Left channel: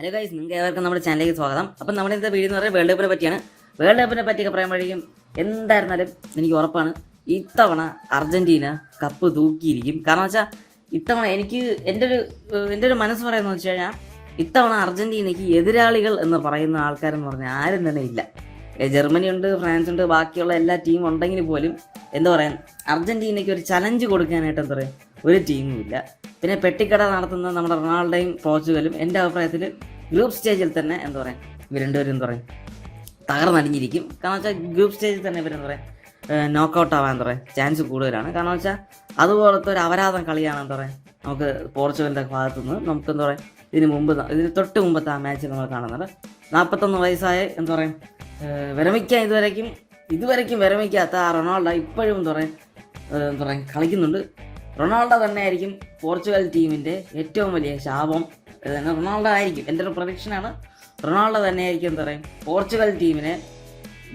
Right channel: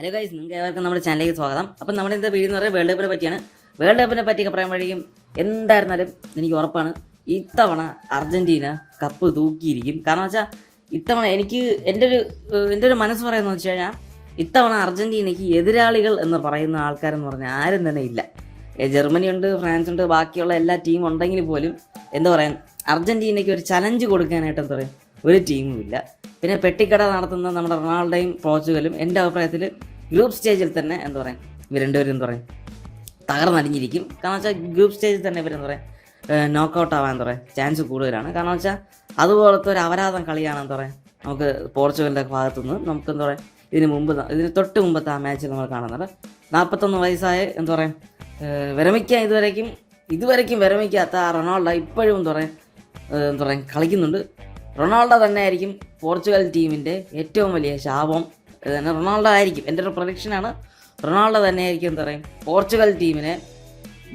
Hello guys, നിങ്ങൾക്ക് ഏവർക്കും നമ്മുടെ ചാനലിലേക്ക് സ്വാഗതം. അപ്പം നമ്മുടെ ഇന്നത്തെ വീഡിയോ എന്ന് പറയുന്നത് വേൾഡ് കപ്പിനെ പറ്റിയാണ്. വേൾഡ് കപ്പിനെ പറ്റിയൊക്കെ പറയുമ്പോഴേക്കും എന്തായിരുന്നാലും എനിക്ക് ഉറപ്പാണ് ഇത്തവണ അർജന്റീന കപ്പ് തൂക്കിയിരിക്കും. കാരണം വെച്ചാൽ ഇത്തവണ എനിക്ക് എൻ്റെ ഒരു മനസ്സ് പറയുന്നത് വെച്ച് കഴിഞ്ഞാൽ ഇത്തവണ അർജന്റീനയ്ക്ക് എതിരാളികൾ എന്ന് പറയുന്ന ആൾക്കാരെന്ന് പറഞ്ഞാൽ ആരും തന്നെ ഇല്ല. ജർമ്മനി ഉണ്ട്, ഫ്രാൻസ് ഉണ്ട്, ബാക്കിയുള്ള എല്ലാ ടീം ഉണ്ടെങ്കിൽ പോലും എന്താ പറയാ അർജന്റീനയ്ക്ക് ഒരു ചലഞ്ച് കൊടുക്കാനായിട്ട് എന്താ പറയുക ഒരു ടീമും ഇല്ല. പിന്നെ പെട്ടിക്കട നടത്തുന്ന നമ്മുടെ റൊണാൾഡോയും പോർച്ചുഗലും എൻ്റെ അഭിപ്രായത്തിൽ ഗ്രൂപ്പ് സ്റ്റേജിൽ തന്നെ എന്താ പറയുക ഇവർ രണ്ടുപേരും എന്താ പറയുക തകർന്നടിഞ്ഞിരിക്കും. കാരണം വെച്ചാൽ ഗ്രൂപ്പ് സ്റ്റേജിൽ തന്നെ ഇവരെന്താ പറയുക നോക്കൗട്ട് ആവാൻ എന്താ പറയുക ചാൻസ് കൂടുതലാണ്. കാരണം വെച്ചാൽ അതുപോലത്തെ ഒരു അപരാധം കളിയാണ് എന്താ പറയുക നമുക്ക് പോർച്ചുഗലിൻ്റെ ഭാഗത്തുനിന്ന് നമുക്ക് എന്താ പറയുക ഇതിന് തൊട്ട് മുമ്പത്തെ ആ മാച്ചിൽ നമ്മൾ കാണുന്നത് 41 വയസ്സായ എന്താ പറയുക വിരമിക്കാൻ ഇതുവരയ്ക്കും വിരമിക്കാത്ത ആ റൊണാൾഡോ ഇപ്പോഴും എന്താ പറയുക കളിക്കുന്നുണ്ട്. റൊണാൾഡോ തന്നെ ആയിരിക്കും പോർച്ചുഗൽ ടീമിൻ്റെ ഏറ്റവും വലിയ ശാപം. റൊണാൾഡോ ആയിരിക്കും, എൻ്റെ ഒരു പ്രഡിക്ഷനാണ്. റൊണാൾഡോ തന്നെ ആയിരിക്കും എന്താ പറയുക പോർച്ചുഗൽ ടീമിനെ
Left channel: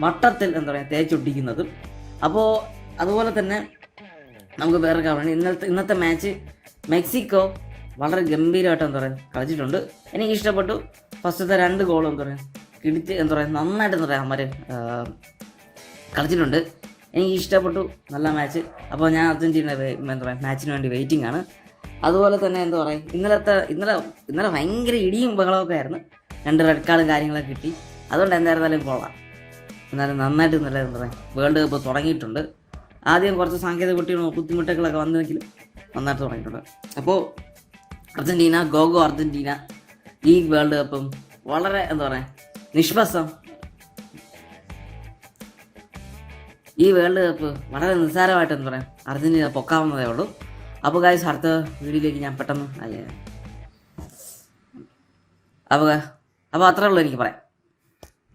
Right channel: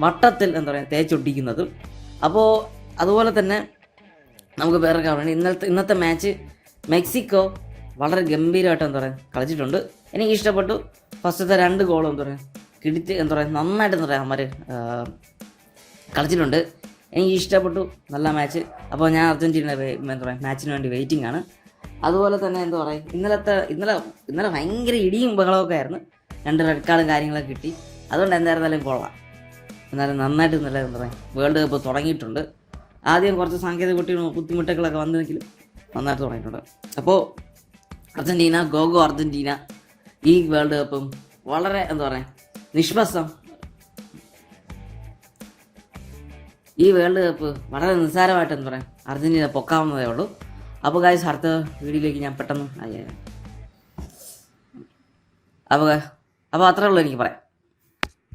മട്ടത്തിൽ എന്താ പറയുക തേച്ചൊട്ടിക്കുന്നതും. അപ്പോൾ അതുപോലെ തന്നെ നമുക്ക് വേറെ കാണുന്നത് ഇന്നത്തെ മാച്ച് മെക്സിക്കോ വളരെ ഗംഭീരമായിട്ട് എന്താ പറയുക കളിച്ചിട്ടുണ്ട്. എനിക്ക് ഇഷ്ടപ്പെട്ടു. ഫസ്റ്റത്തെ 2 ഗോളും എന്താ പറയുക കിടിച്ച് എന്താ പറയുക നന്നായിട്ട് എന്താ പറയുക അവന്മാർ കളിച്ചിട്ടുണ്ട്. എനിക്ക് ഇഷ്ടപ്പെട്ടു, നല്ല മാച്ച്. അപ്പോൾ ഞാൻ അർജന്റീന എന്താ പറയുക മാച്ചിന് വേണ്ടി വെയിറ്റിംഗ് ആണ്. അതുപോലെ തന്നെ എന്താ പറയുക ഇന്നലെ ഭയങ്കര ഇടിയും ബഹളമൊക്കെ ആയിരുന്നു. 2 റെഡ് കാർഡും കാര്യങ്ങളൊക്കെ കിട്ടി. അതുകൊണ്ട് എന്തായിരുന്നാലും കൊള്ളാം. എന്നാലും നന്നായിട്ട് നല്ല എന്താ പറയുക വേൾഡ് കപ്പ് തുടങ്ങിയിട്ടുണ്ട്. ആദ്യം കുറച്ച് സാങ്കേതിക ബുദ്ധിമുട്ടുകളൊക്കെ വന്നെങ്കിലും നന്നായിട്ട് തുടങ്ങിയിട്ടുണ്ട്. അപ്പോൾ അർജന്റീന ഗോഗോ അർജന്റീന. ഈ വേൾഡ് കപ്പും വളരെ എന്താ പറയുക നിഷ്പക്ഷം. ഈ വേൾഡ് കപ്പ് വളരെ നിസ്സാരമായിട്ട് എന്താ പറയുക അർജന്റീന പൊക്കാവുന്നതേ ഉള്ളൂ. അപ്പോൾ ഗായ്സ് അടുത്ത വീഡിയോയിലേക്ക് ഞാൻ പെട്ടെന്ന് അപ്പോൾ അത്രേ ഉള്ളൂ എനിക്ക് പറയാം.